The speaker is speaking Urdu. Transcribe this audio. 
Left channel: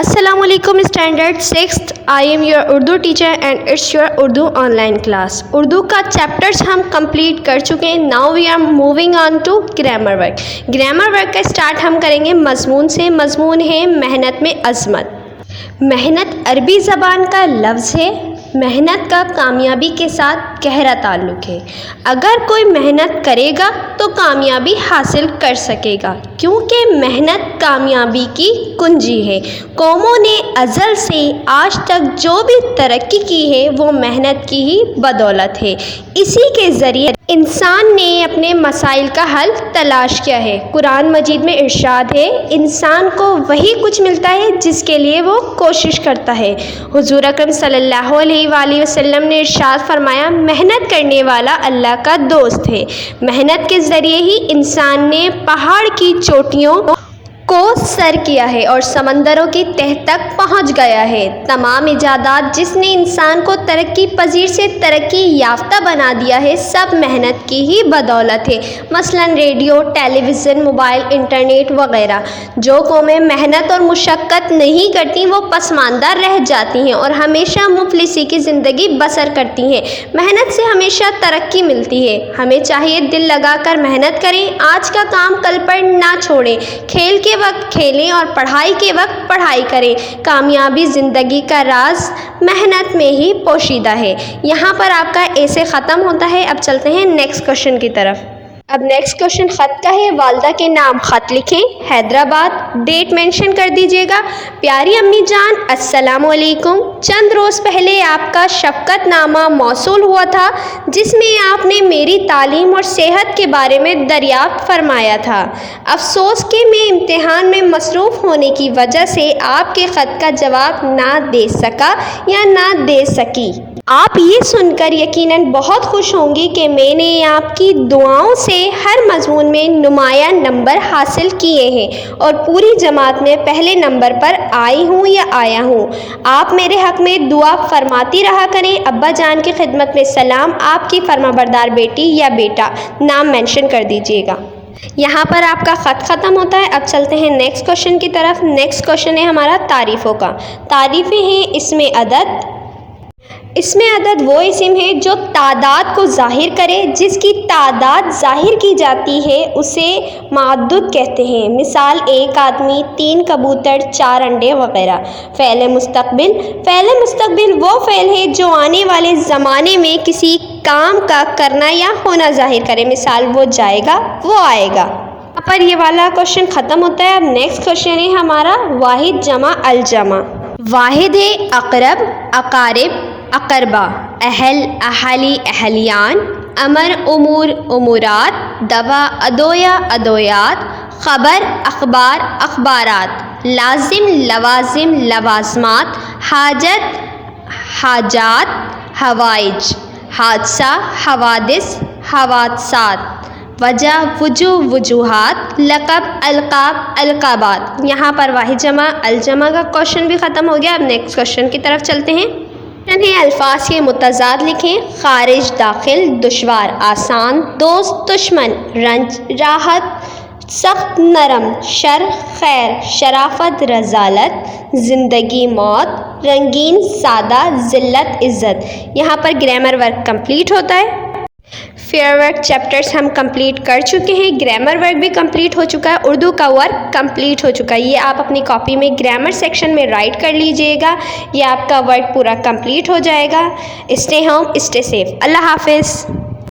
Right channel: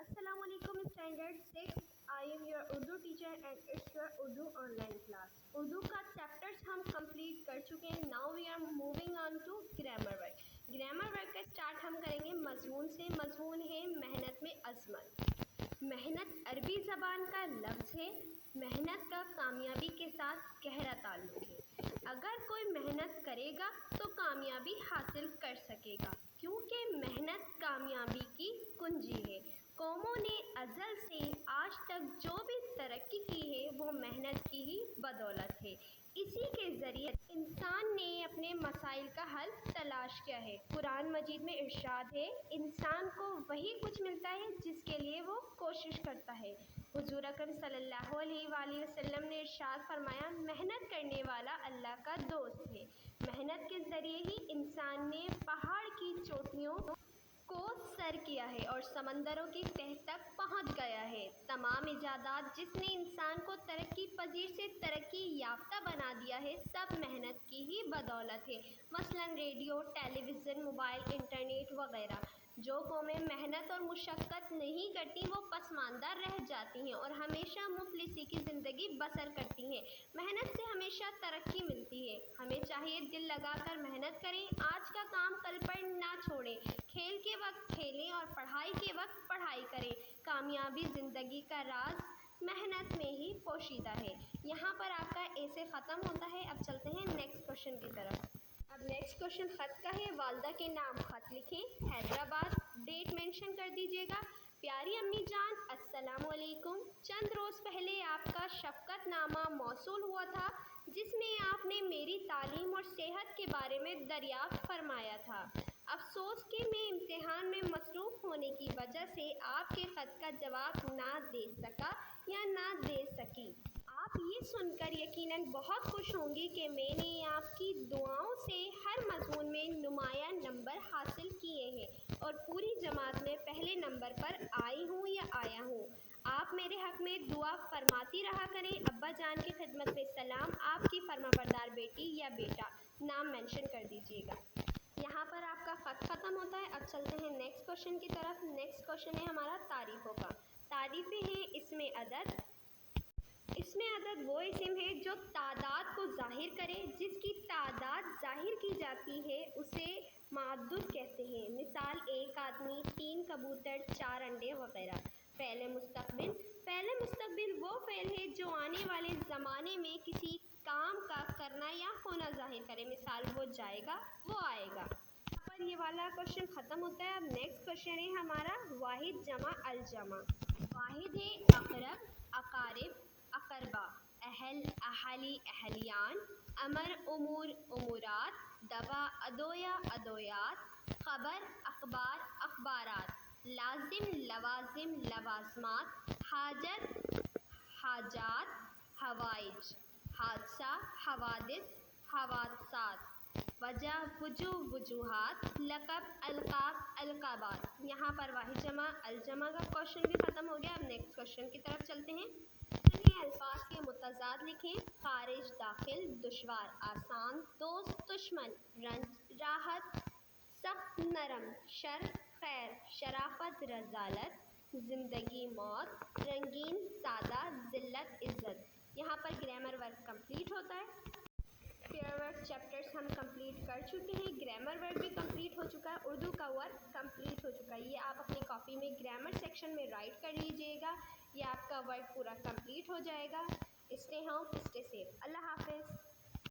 السلام علیکم standard 6th I am your Urdu teacher and it's your Urdu online class. Urdu کا چیپٹرس ہم کمپلیٹ کر چکے ہیں. Now we are moving on to grammar work. Grammar work کا اسٹارٹ ہم کریں گے مضمون سے. مضمون ہے محنت میں عظمت. محنت عربی زبان کا لفظ ہے. محنت کا کامیابی کے ساتھ گہرا تعلق ہے. اگر کوئی محنت کرے گا تو کامیابی حاصل کر سکے گا، کیونکہ محنت کامیابی کی کنجی ہے. قوموں نے ازل سے آج تک جو بھی ترقی کی ہے وہ محنت کی ہی بدولت ہے. اسی کے ذریعے انسان نے اپنے مسائل کا حل تلاش کیا ہے. قرآن مجید میں ارشاد ہے، انسان کو وہی کچھ ملتا ہے جس کے لیے وہ کوشش کرتا ہے. حضور اکرم صلی اللہ علیہ وآلہ وسلم نے ارشاد فرمایا، محنت کرنے والا اللہ کا دوست ہے. محنت کے ذریعے ہی انسان نے پہاڑ کی چوٹیوں کو سر کیا ہے اور سمندروں کی تہ تک پہنچ گیا ہے. تمام ایجادات جس نے انسان کو ترقی پذیر سے ترقی یافتہ بنا دیا ہے، سب محنت کی ہی بدولت ہے. مثلا ریڈیو، ٹیلی ویژن، موبائل، انٹرنیٹ وغیرہ. جو قومیں محنت اور مشقت نہیں کرتی وہ پسماندہ رہ جاتی ہیں اور ہمیشہ مفلسی کی زندگی بسر کرتی ہیں. محنت سے ہمیشہ ترقی ملتی ہے. ہمیں چاہیے دل لگا کر محنت کریں. آج کا کام کل پر نہ چھوڑیں. کھیل کے وقت کھیلیں اور پڑھائی کے وقت پڑھائی کریں. کامیابی زندگی کا راز محنت میں ہی پوشیدہ ہے. یہاں پر آپ کا ایسے ختم ہوتا ہے. اب چلتے ہیں نیکسٹ کوشچن کی طرف. اب نیکسٹ کوشچن خط کا ہے. والدہ کے نام خط لکھیں. حیدرآباد. ڈیٹ مینشن کر دیجیے گا. پیاری امی جان السلام علیکم. چند روز پہلے آپ کا شفقت نامہ موصول ہوا تھا جس میں آپ نے میری تعلیم اور صحت کے بارے میں دریافت فرمایا تھا. افسوس کہ میں امتحان میں مصروف ہونے کی وجہ سے آپ کے خط کا جواب نہ دے سکا یا نہ دے سکی. آپ یہ سن کر یقیناً بہت خوش ہوں گی کہ میں نے آپ کی دعاؤں سے ہر مضمون میں نمایاں نمبر حاصل کیے ہیں اور پوری جماعت میں پہلے نمبر پر آئی ہوں یا آیا ہوں. آپ میرے حق میں دعا فرماتی رہا کریں. ابا جان کی خدمت میں سلام. آپ کی فرمانبردار بیٹی یا بیٹا. نام مینشن کر دیجیے گا. یہاں پر آپ کا خط ختم ہوتا ہے. اب چلتے ہیں نیکسٹ کوشچن کی طرف. نیکسٹ کوشچن ہے ہمارا تعریفوں کا. تعریفیں ہیں اسم عدد. اسم عدد وہ اسم ہے جو تعداد کو ظاہر کرے. جس کی تعداد ظاہر کی جاتی ہے اسے معدود کہتے ہیں. مثال ایک آدمی، 3 کبوتر، 4 انڈے وغیرہ. فعل مستقبل. فعل مستقبل وہ فعل ہے جو آنے والے زمانے میں کسی کام کا کرنا یا ہونا ظاہر کرے. مثال وہ جائے گا، وہ آئے گا. یہاں پر یہ والا کوشچن ختم ہوتا ہے. اب نیکسٹ کوشچن ہے ہمارا واحد جمع الجمع. واحد ہے اقرب، اقارب، اقربا. اہل، اہالی، اہلیان. امر، امور، امورات. دوا، ادویہ، ادویات. خبر، اخبار، اخبارات. لازم، لوازم، لوازمات. حاجت، حاجات. حوائج. حادثہ، حوادث، حوادثات. وجہ، وجوہ، وجوہات. لقب، القاب، القابات. یہاں پر واحد جمع الجمع کا کوشچن بھی ختم ہو گیا. اب نیکسٹ کوشچن کی طرف چلتے ہیں. الفاظ کے متضاد لکھیں. خارج، داخل. دشوار، آسان. دوست، دشمن. رنج، راحت. سخت، نرم. شر، خیر. شرافت، رذالت. زندگی، موت. رنگین، سادہ. ذلت، عزت. یہاں پر گرامر ورک کمپلیٹ ہوتا ہے. فیئر ورک چیپٹرس ہم کمپلیٹ کر چکے ہیں. گرامر ورک بھی کمپلیٹ ہو چکا ہے. اردو کا ورک کمپلیٹ ہو چکا ہے. یہ آپ اپنی کاپی میں گرامر سیکشن میں رائٹ کر لیجئے گا. یہ آپ کا ورک پورا کمپلیٹ ہو جائے گا. Stay home, stay safe. اللہ حافظ.